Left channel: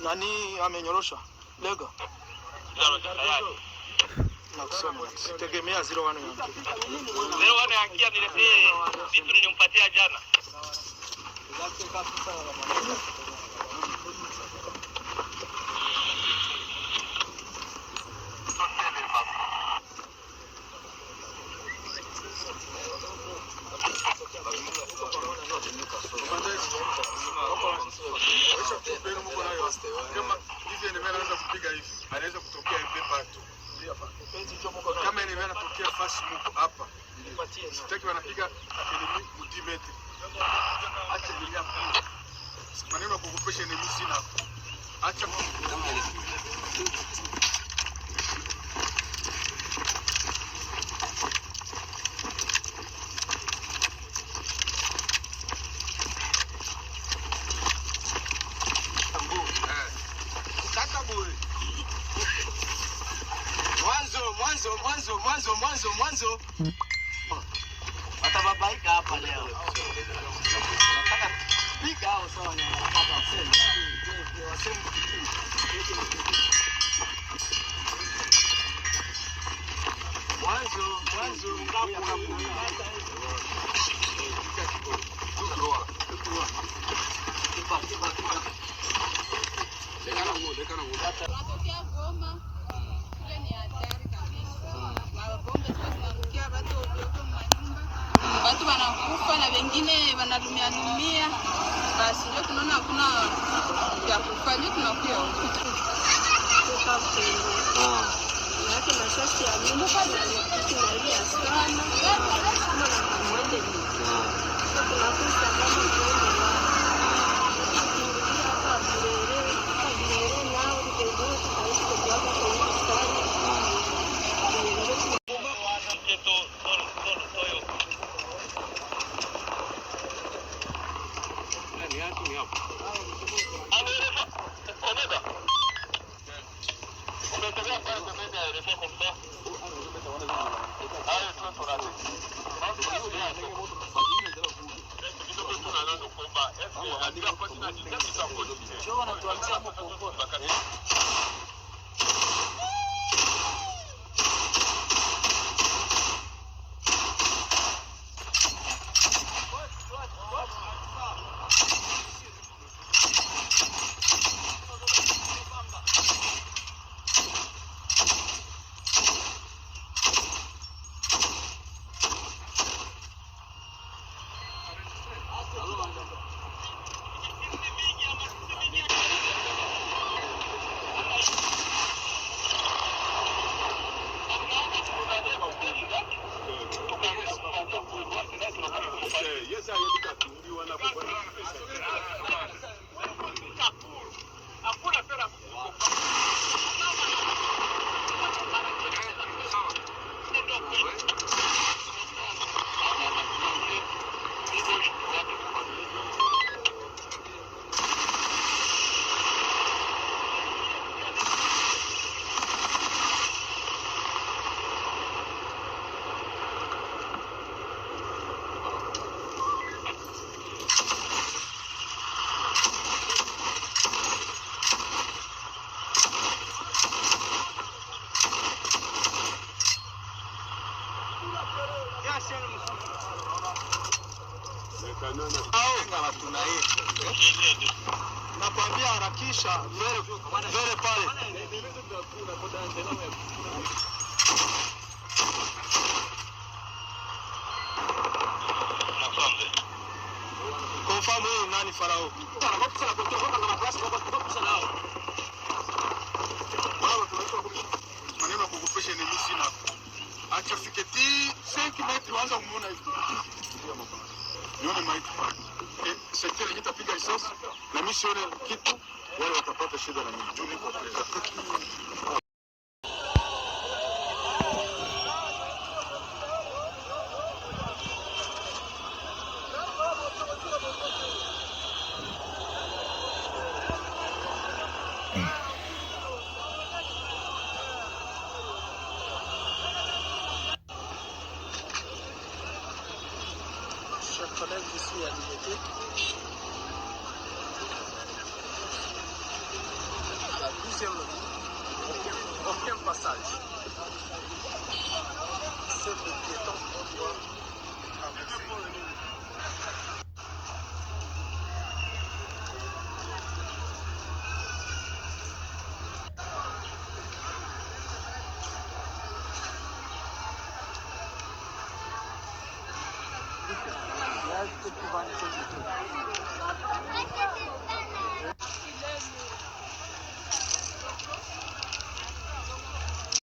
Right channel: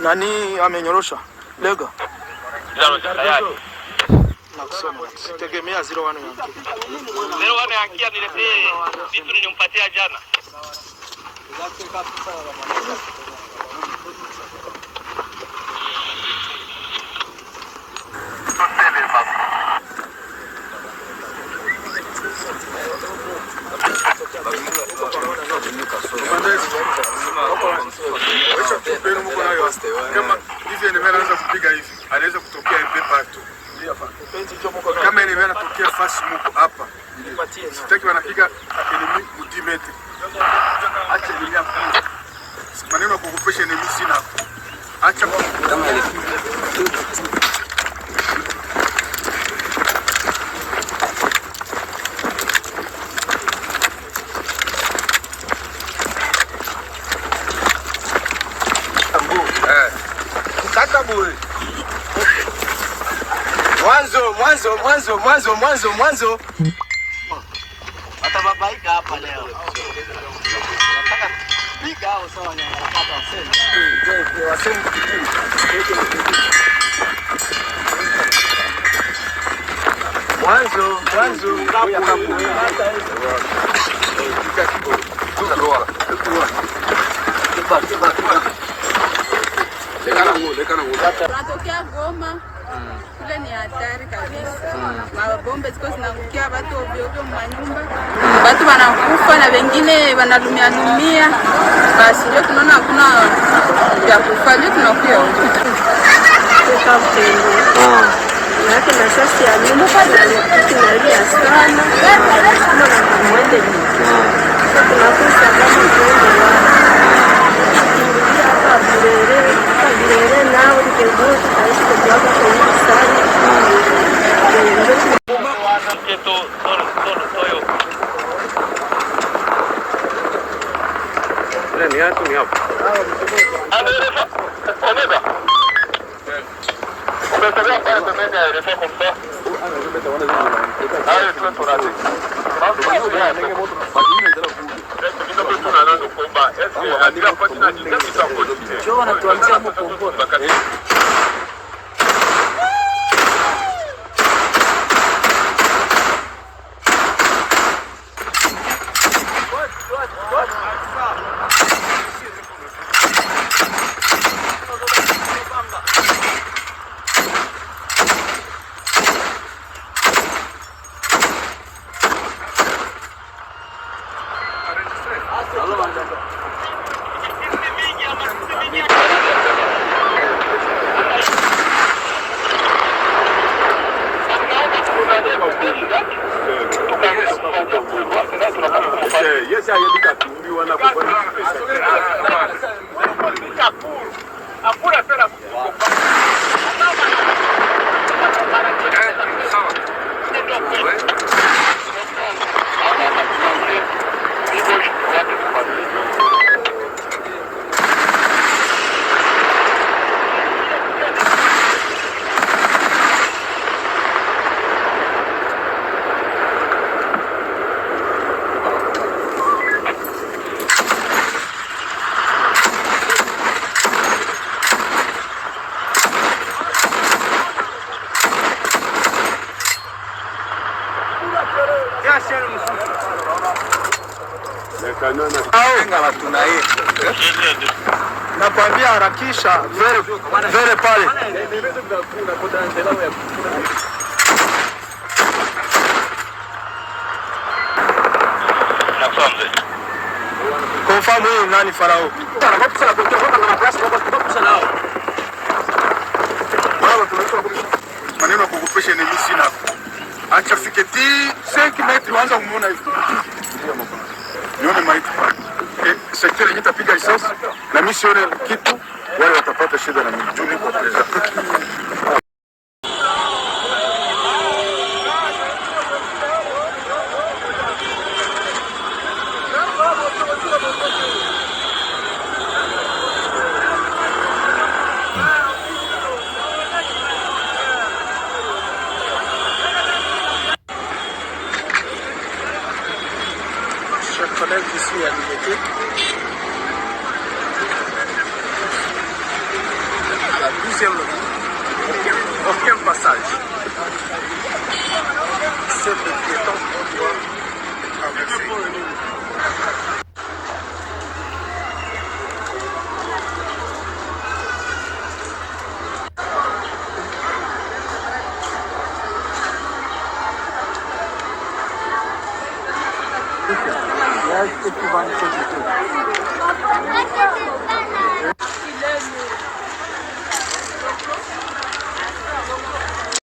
Nani amenyorosha? Lega. Nakusema sitegemea 01 yangu. 01 yangia niletee vitu nilimpatia jana. Kama hivi anaweza kupiga hivi, anaweza kutokea ipepa tu. Kama anaweza kutokea fast move hapa. Sitaki wanapiga enemy mudimete. Acha dunia kwa. Maneno ya kukupesha enemy sina. Acha kama ile. Mwanzo. Atababaika hapa leo. Nataka piga au sawa na wanapata wasemi. Mwanzo. Tunatokea Goma. Kule ni hatari kabisa. Mabombe ziko zinaangukia watu ovyo ovyo manyumba. Watu wanakufa na wengine wanalumia. Basi leo tunaona hakuna ya kufanya, tunakuwa kutoka mtendo. Yake na sasa ya nyumba tunalia sana. Kama mwende. Tunakusa kama tuende hapa Burere nao nikeuza kaisi kwa sana. Ni hapo ni hapo. Yes, I look at you. You want nakwambia harakisha vere pale. Unafahamu huyu nani Farao? Maneno ya kukupesha ni mimi sina. Acha fiketi 5 metri waanza kumuona hivi. Nione maiti pale. Sekretari nitapiga risasi na mimi sione kitu, wale watapata shida na mimi. Juni kwa presa. Chers collègues, je suis à l'unité. À la 12e ligne, aucun passage. C'est le piéton qu'on doit traverser. Yes, if you want to do it.